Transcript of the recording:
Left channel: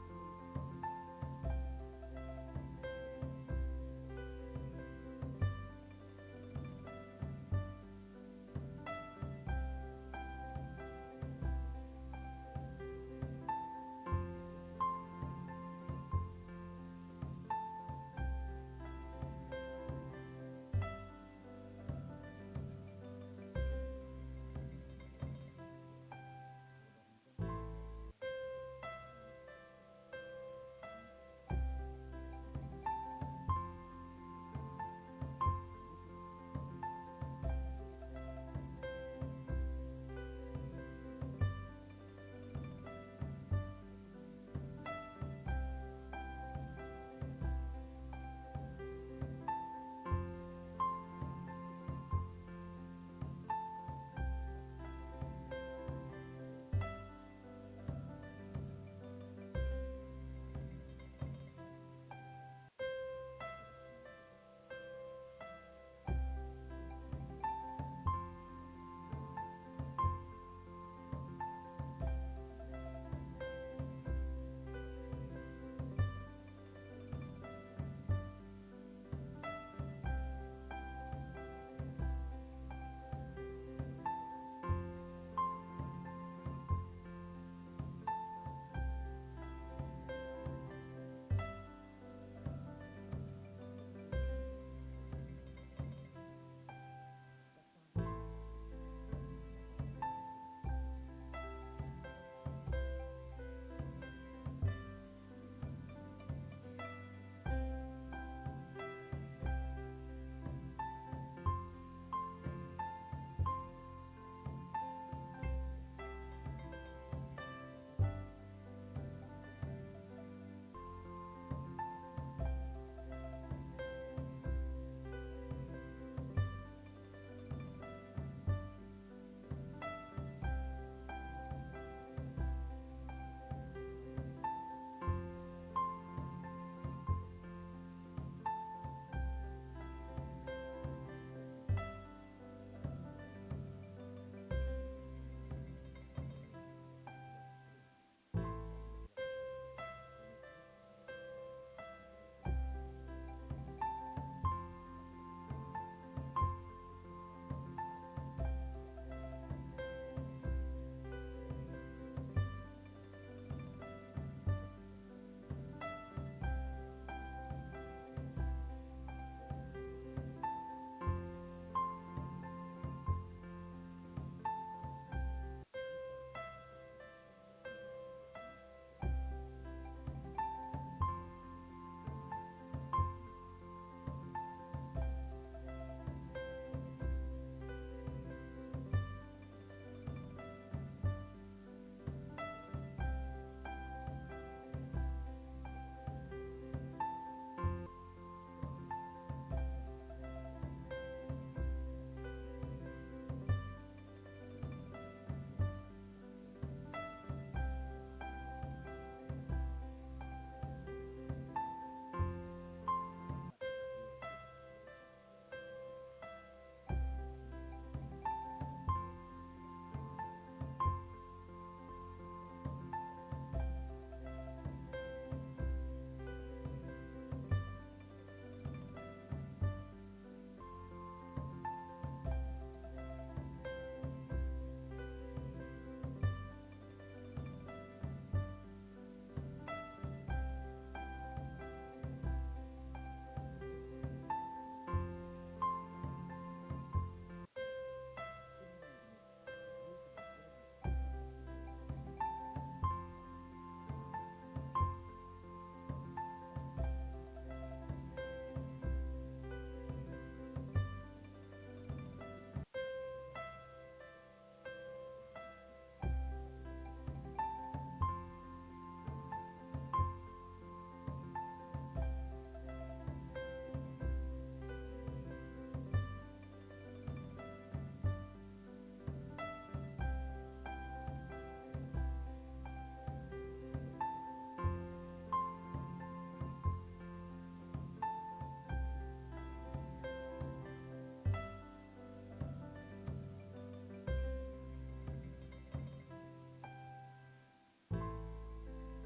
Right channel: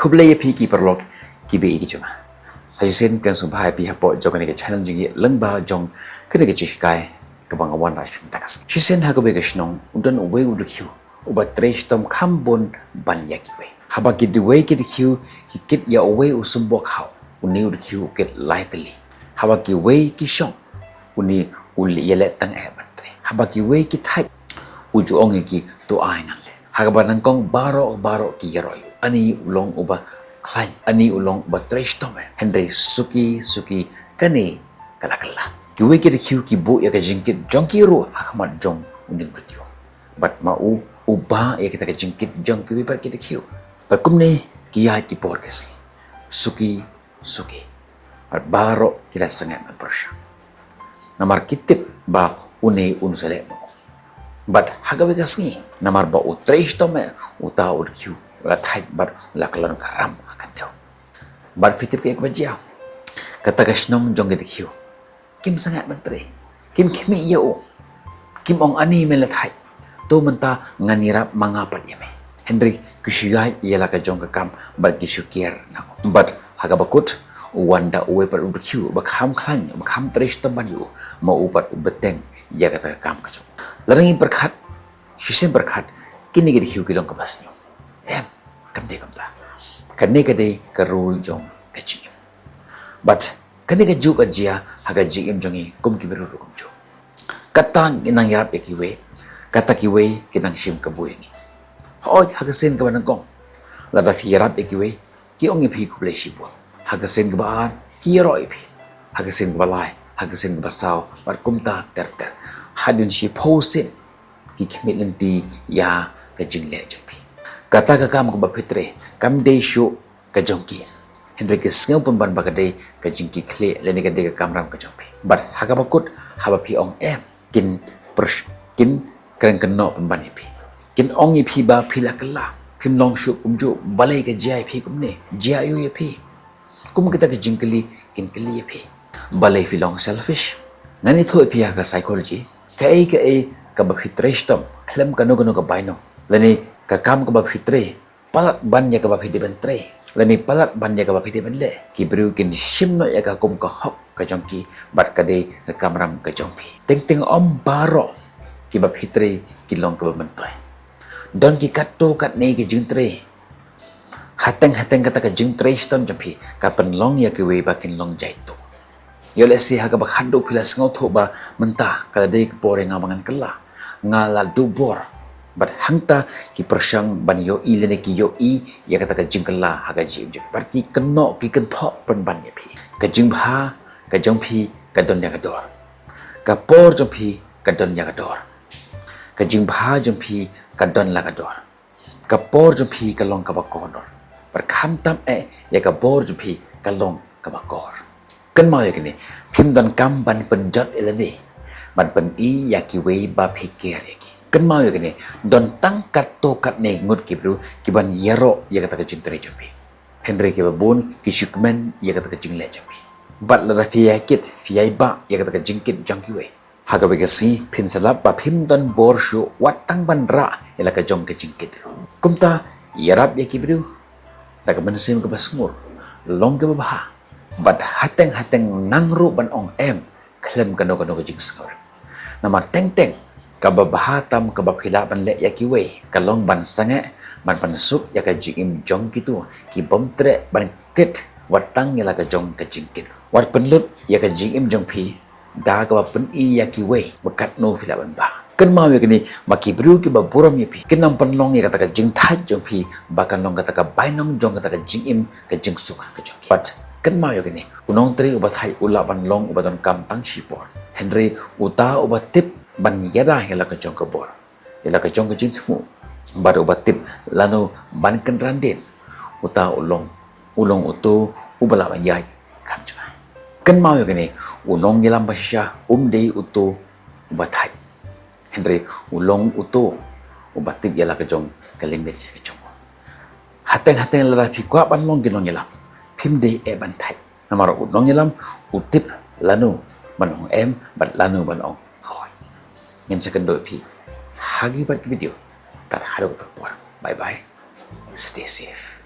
Kublai pi ki perlok ki be ki chuna. Sajisen pian subhai pi hapo jong ni ke channel jingi lengba jong kene ke chikai ke bangawan rai takas. Shisen ha ko be geshnong udan uwe udu kyu uba tresh tom kambon ban ya ki we. Haba ki the way ki the kyu ki kit ya uwe usumbo khau uni udu kyu get lightly. Haba ki we ki shong uni uli yelet tang e ban tre. Haba ki we ki thai uju ongi ki to ai nan le. Haga nang kong baro ki yeroy. Ani ulong uba klan ani ulong uba tresh tome. Henry suki kani kala. Kiwe ki kiu ki bu ya ka jingkit jongki ru hakmat jong uning kiu. But ma uba ya kita ka jingkit jong kiwe par kita kiu. But kumne ki ya ki por kasi. Suki. At baro kita sangat man persya. Namar kitip ba une unsale mo. But hagawe kasi namar ba utresh tome uta ud kiu. Wala thai but lakalan karam akan daw. But fitip ke ekbajia. Kata kasnong jong kita kiu. Kim sangat menteri. Kim kimi iya o. Kim ong ani melathai. To menta nganirap mangapat yame. Henry kusyai ialah ka jong kakam bar kisyukir na. But hagabakut wanda uwe par udkyu bakham khan bakham tresh taban yu ma upat ubeteng ya kata kakam ka jong. Larangi berkat shisen berkat kini gedi hiu kilong kabasnyo. Kamde kamta. Kane kade karul jong kachim. But kani ka juk ajia haga jigim jongi kum ki beru kum jo kata inang yarap ekiwe kata kiwe kinang shim ka buyengi hoy haga sen ka banang kong lada fi yarap ekiwe ki ongi phi kuble shipo haga sen ka baan ki yaro ipi haga sen ka balai haga sen ka basaw war kumta ter hadin shi posin ki khmit di ya ka jingle jompi kata ka kam ko ba fitre kam de shu ka jongki Henry kesengau pemban bagadai ke jingki kle leni ke dega kamram ke jampi. But haga bakut haba pi ong kin keren keno pemban ipi. Kin ong ipi ba pila kela. Pim long syuk umju balai ke jai pi kumne. Jai yu ipi. Kum kita ke jingkeli kin keli ipi. Balai fi long selfish. Ngani thu ipi haga psychology. Ke ka ba fitresh tom. Klem kano ka baino. Leni ka kam ka ba fitre. Palat ban ya ka ba fitre. Lani palat banja ka bapide benle ki bru kin shimno ya ka kum ka hok ka jongki bat ka de ka kamram ka jongpi ting om baro ki bap hitre ki long ka bentoy don ki katto kat ne ki jingtre hateng kata ka jingtre stom jompi ka pen long ya ki we bakin long jaito yo le si ha ka ba khaddo phila sngo tho ba menta ka de ki pore ngamangan kala ngala dubor But hangta ki persyang ban yo i lene ki yo i ya kata ka jingkala haga jim jim berarti keno ki kenthok pen ban ya pi ka jingbha ka jongpi ka don ya ka dor ka por jongpi ka don ya ka dor ka jingbha jongpi ka don la ka dor ka por jongpi ka long ka ba ko dor ber kham tam ya ka bor jongpi ka long ka ba kor kan mau ya kini phim don kam ban pen jot elene ban pen i ya ki we ba phikir ya ki kan mau ya kini don tangkat to kat ne ngut ki bru ki ban yero ya kata ka jintre jampi Henry ki babun ki shukmen ya kata ka jingle jampi bat la fi yakit fi ba ya kata ka jingkit jangki we haga be si pin salap ba phim don bor shu wat tang ban ra ya ka jong ka jingkit kumta yarap ya ki bru ta ka bensim ka basmur long ka ba bat hateng nang ru ban ong klem kano ka jing skor namar teng kababahatam kabapila ban le ya kiwe kalong ban sange ban pansuk ya ka jing jong gitu ki bomtre ban ket watang ya ka jong ka jingkit wat penlut ya ka jing jong pi da ka pen i ya kiwe bakat no fila ban ba kan mau ya kini maki bru ki baburam ya pi kenam penlong ya kata ka jing thaj jong pi bakan long kata ka bainong jong kata ka jing ka jing suk ka jong but kan mau ya kini unong tri ubat hai ula ban long ubaton kam tang shipor Henry uta ubat tip ban yada hela ka jong ka bor hela ka jong ka jing thu baru batip lanu ban kan randin uta ulong utu ubala ban yai kam jang kan mau ya kini unong yelam basya dei utu ubathai Henry ulong utu ubatip yala ka jong ka limit ka jong hateng la phi kwa ban long ginong yelam phim dei ban thai namaro unong yelam utip lanu ban ong bat lanu ban ong Ngin second pi hagi bat video tat haro tak por bye bye stay safe